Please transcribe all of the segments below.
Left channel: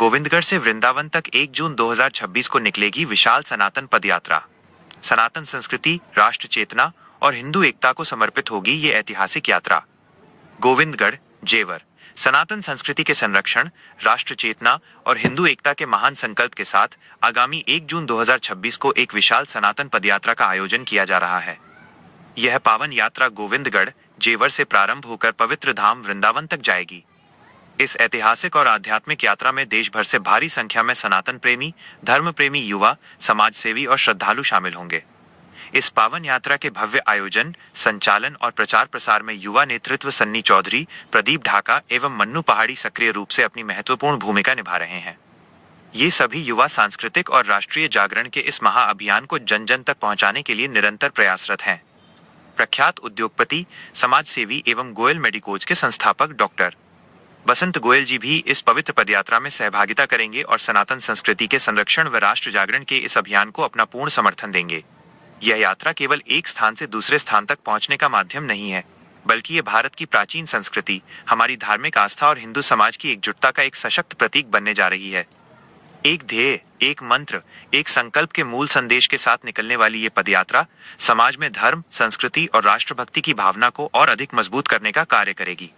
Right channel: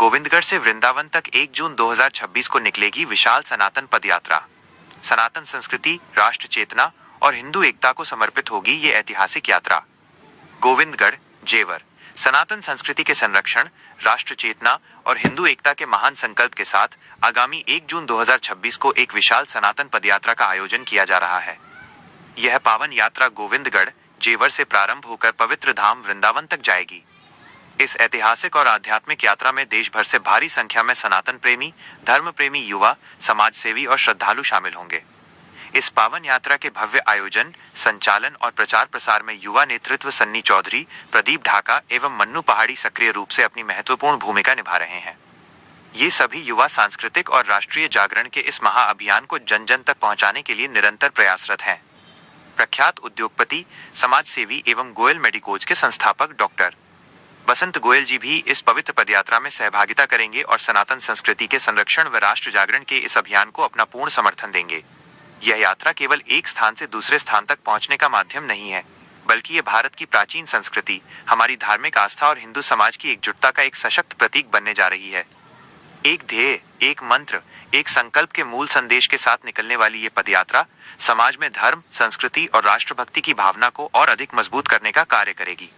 गोविंदगढ़ से वृंदावन तक 1 जून 2026 को निकलेगी विशाल सनातन पदयात्रा। सनातन संस्कृति, राष्ट्र चेतना और हिंदू एकता को समर्पित होगी ये ऐतिहासिक यात्रा। गोविंदगढ़, जेवर सनातन संस्कृति के संरक्षण, राष्ट्र चेतना और हिंदू एकता के महान संकल्प के साथ आगामी 1 जून 2026 को एक विशाल सनातन पदयात्रा का आयोजन किया जा रहा है। यह पावन यात्रा गोविंदगढ़, जेवर से प्रारंभ होकर पवित्र धाम वृंदावन तक जाएगी। इस ऐतिहासिक और आध्यात्मिक यात्रा में देश भर से भारी संख्या में सनातन प्रेमी, धर्म प्रेमी युवा, समाज सेवी और श्रद्धालु शामिल होंगे। इस पावन यात्रा के भव्य आयोजन, संचालन और प्रचार प्रसार में युवा नेतृत्व सन्नी चौधरी, प्रदीप ढाका एवं मन्नू पहाड़ी सक्रिय रूप से अपनी महत्वपूर्ण भूमिका निभा रहे हैं। ये सभी युवा सांस्कृतिक और राष्ट्रीय जागरण के इस महाअभियान को जन जन तक पहुंचाने के लिए निरंतर प्रयासरत हैं। प्रख्यात उद्योगपति, समाज सेवी एवं गोयल मेडिकोज के संस्थापक डॉक्टर बसंत गोयल जी भी इस पवित्र पदयात्रा में सहभागिता करेंगे और सनातन संस्कृति के संरक्षण व राष्ट्र जागरण के इस अभियान को अपना पूर्ण समर्थन देंगे। यह यात्रा केवल एक स्थान से दूसरे स्थान तक पहुंचने का माध्यम नहीं है, बल्कि ये भारत की प्राचीन संस्कृति, हमारी धार्मिक आस्था और हिंदू समाज की एकजुटता का एक सशक्त प्रतीक बनने जा रही है। एक ध्येय, एक मंत्र, एक संकल्प के मूल संदेश के साथ निकलने वाली ये पदयात्रा समाज में धर्म, संस्कृति और राष्ट्रभक्ति की भावना को और अधिक मजबूत करने का कार्य करेगी।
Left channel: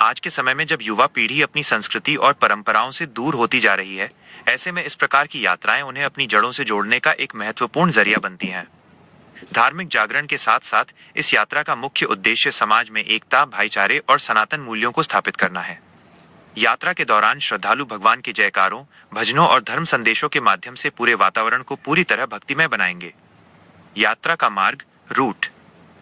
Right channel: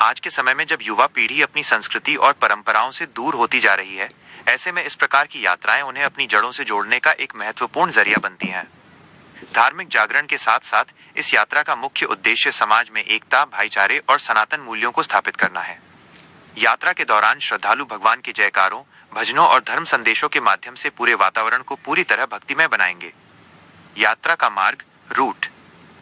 आज के समय में जब युवा पीढ़ी अपनी संस्कृति और परंपराओं से दूर होती जा रही है, ऐसे में इस प्रकार की यात्राएं उन्हें अपनी जड़ों से जोड़ने का एक महत्वपूर्ण जरिया बनती हैं। धार्मिक जागरण के साथ साथ इस यात्रा का मुख्य उद्देश्य समाज में एकता, भाईचारे और सनातन मूल्यों को स्थापित करना है। यात्रा के दौरान श्रद्धालु भगवान के जयकारों, भजनों और धर्म संदेशों के माध्यम से पूरे वातावरण को पूरी तरह भक्तिमय बनाएंगे। यात्रा का मार्ग, रूट।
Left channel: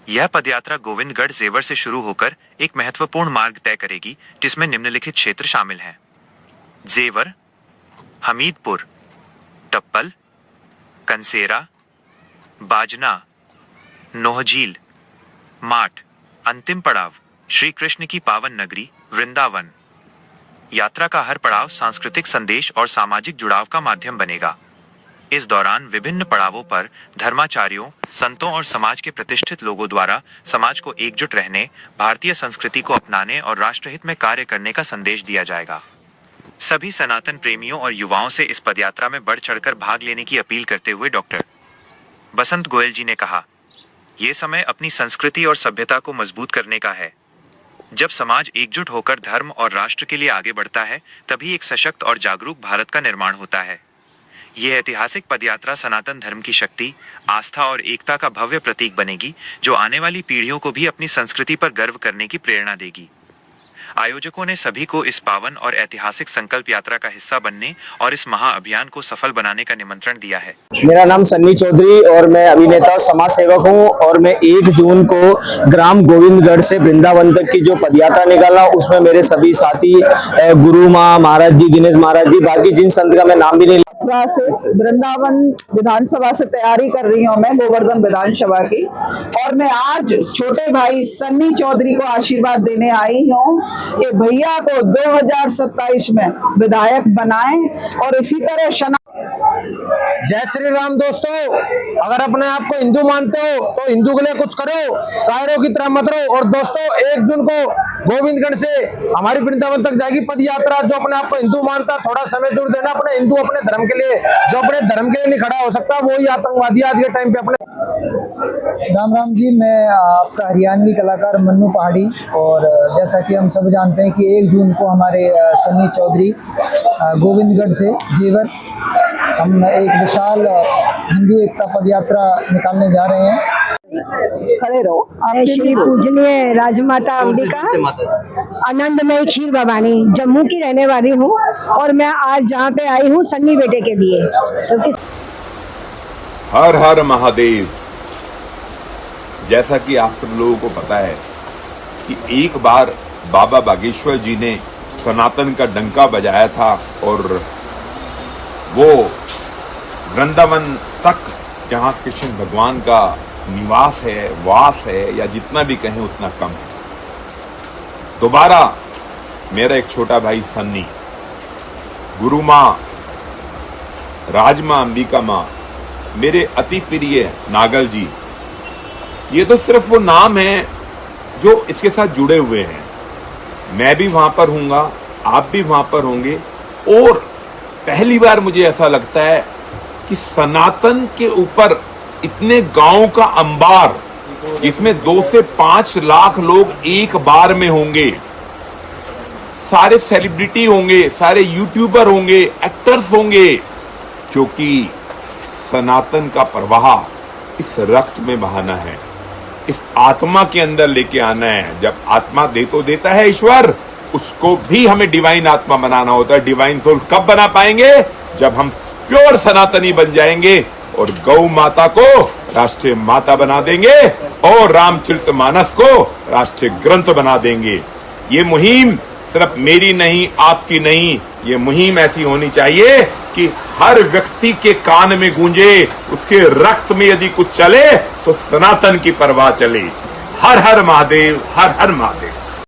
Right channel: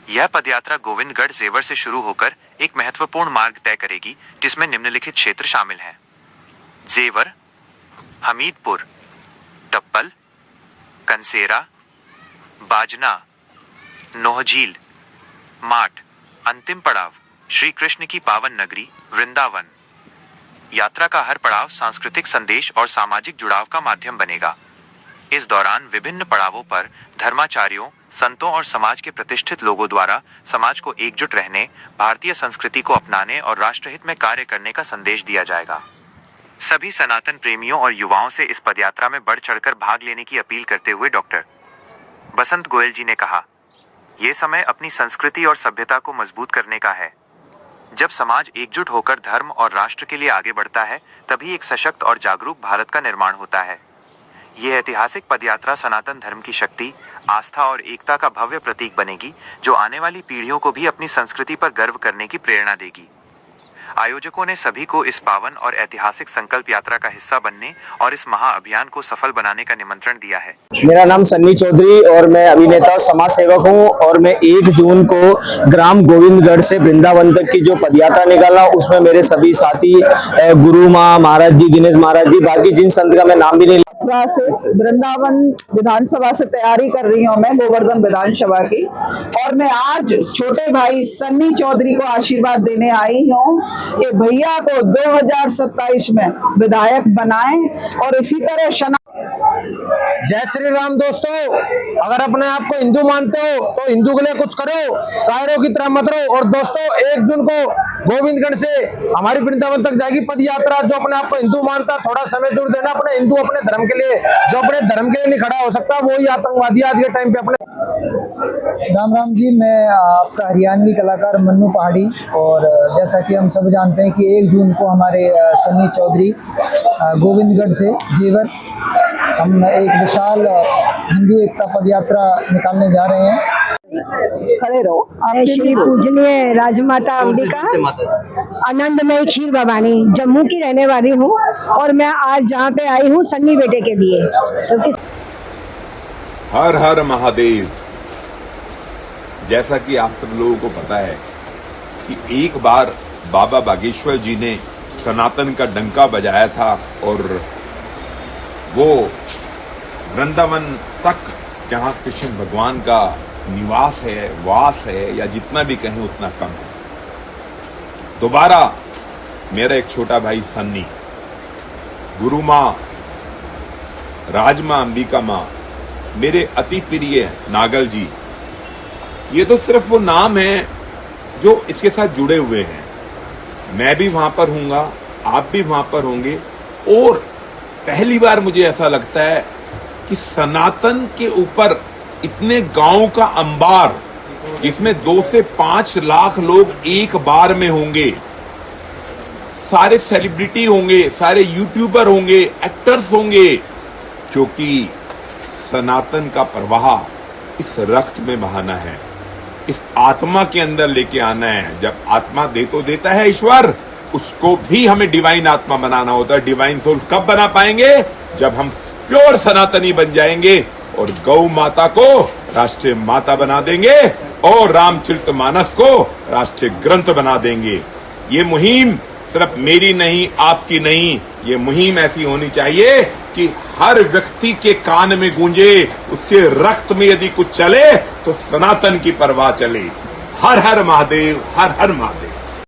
यह पदयात्रा गोविंदगढ़, जेवर से शुरू होकर एक महत्वपूर्ण मार्ग तय करेगी, जिसमें निम्नलिखित क्षेत्र शामिल हैं: जेवर, हमीदपुर, टप्पल, कंसेरा, बाजना, नोहझील, माठ। अंतिम पड़ाव श्री कृष्ण की पावन नगरी वृंदावन। यात्रा का हर पड़ाव सांस्कृतिक संदेश और सामाजिक जुड़ाव का माध्यम बनेगा। इस दौरान विभिन्न पड़ावों पर धर्माचार्यों, संतों और समाज के प्रतिष्ठित लोगों द्वारा समाज को एकजुट रहने, भारतीय संस्कृति को अपनाने और राष्ट्रहित में कार्य करने का संदेश दिया जाएगा। सभी सनातन प्रेमियों और युवाओं से इस पदयात्रा में बढ़ चढ़कर भाग लेने की अपील करते हुए डॉक्टर बसंत गोयल जी ने कहा, ये समय अपनी संस्कृति और सभ्यता को मजबूत करने का है। जब समाज एकजुट होकर धर्म और राष्ट्र के लिए आगे बढ़ता है, तभी एक सशक्त और जागरूक भारत का निर्माण होता है। यह ऐतिहासिक पदयात्रा सनातन धर्म की शक्ति, आस्था और एकता का भव्य प्रतीक बनेगी, जो आने वाली पीढ़ियों को भी अपनी संस्कृति पर गर्व करने की प्रेरणा देगी। आयोजकों ने सभी को इस पावन और ऐतिहासिक संकल्प यात्रा का हिस्सा बनने और इस महाअभियान को सफल बनाने का निमंत्रण दिया है। मेरा नाम सन्नी चौधरी और मैं अभिनेता समाज सेवक हूँ और मैं 1 जून को ग्राम गोविंदगढ़ से वृंदावन तक की जो पदयात्रा निकाला, उसमें मेरे सभी साथी गुरु माँ महाराज जी, दिनेश महाराज जी, बाकी जिन संत का मैं नाम भी नहीं से वृंदावन विधानसभा से तैयारी कर रही हूँ मैं, गोवर्धन विधानसभा की, और मैं आज छोटे भाई सन्नी चौधरी को आशीर्वाद देने आई हूँ कि भैया को 2027 में विधायक बनाएं और इसी तरह जय श्री राम। दोस्तों, अगर अपने आप को हिंदू मानते हो तो हिंदू के लिए कुछ करो, कायरों की तरह मत रहो। और दोस्तों, 1 जून को गोविंदगढ़ से हमारी वृंदावन तक जाएगी पदयात्रा। जो अपने आप को हिंदू मानता, थोड़ा समय दूर देना अपने हिंदू, अपने धर्म के लिए। जो अपने धर्म के लिए नहीं खड़ा हो सकता, वही आतंकवादी आज के टाइम पे अपने। राम राम जी, मैं आपका हरियाणवी कलाकार मन्नू पहाड़ी। और जैसा कि हम सब जानते हैं कि 1 जून को हमारे सन्नी चौधरी गोविंदगढ़ से जेवर हम एक विशाल हिंदू एकता पदयात्रा निकालने जा रहे हैं। खड़े रहो। श्री पूजनीय राजमाता अंबिका आनंदमयी खीर भवानी जम्मू की रहने वाली हूँ और मैं आज जहाँ पे आई हूँ सन्नी बेटे के लिए, क्योंकि हर हर महादेव। जैसा कि आप सब लोगों को पता है कि एक बार बाबा बागेश्वर जी ने सनातन का डंका बजाया था और वो वृंदावन तक, जहां कृष्ण भगवान का निवास है, वास है, या जितना भी कहें उतना कम है। दोबारा मेरा एक छोटा भाई सन्नी, गुरु मां राजमां अंबिका मां, मेरे अति प्रिय नागल जी, ये तो सिर्फ वो नाम है जो इसके साथ जुड़े हुए हैं। मैं भी वहां पर हूंगा, आप भी वहां पर होंगे और पहली बार मुझे ऐसा लगता है कि सनातन के ऊपर इतने गांव का अंबार, जिसमें 2 से 5 लाख लोग एक बार में होंगे, सारे सेलिब्रिटी होंगे, सारे यूट्यूबर होंगे, एक्टर्स होंगे, क्योंकि सनातन का प्रवाह इस रक्त में बहाना है, इस आत्मा के अंदर लेके आना है। जब आत्मा दे तो देता है ईश्वर, उसको भी हमें डिवाइन आत्मा बनाना होता है। डिवाइन सोल कब बना पाएंगे? जब हम प्योर सनातनी बन जाएंगे और गौ माता को राष्ट्रीय माता बना देंगे और रामचरितमानस को राष्ट्रीय ग्रंथ बना देंगे। ये मुहिम सिर्फ मेरी नहीं, आपकी नहीं, ये मुहिम ऐसी होनी चाहिए कि हर व्यक्ति के कान में गूंजे, उसके रक्त में यदि कुछ चले तो सनातन की परवाह चले। हर हर महादेव, हर हर महादेव।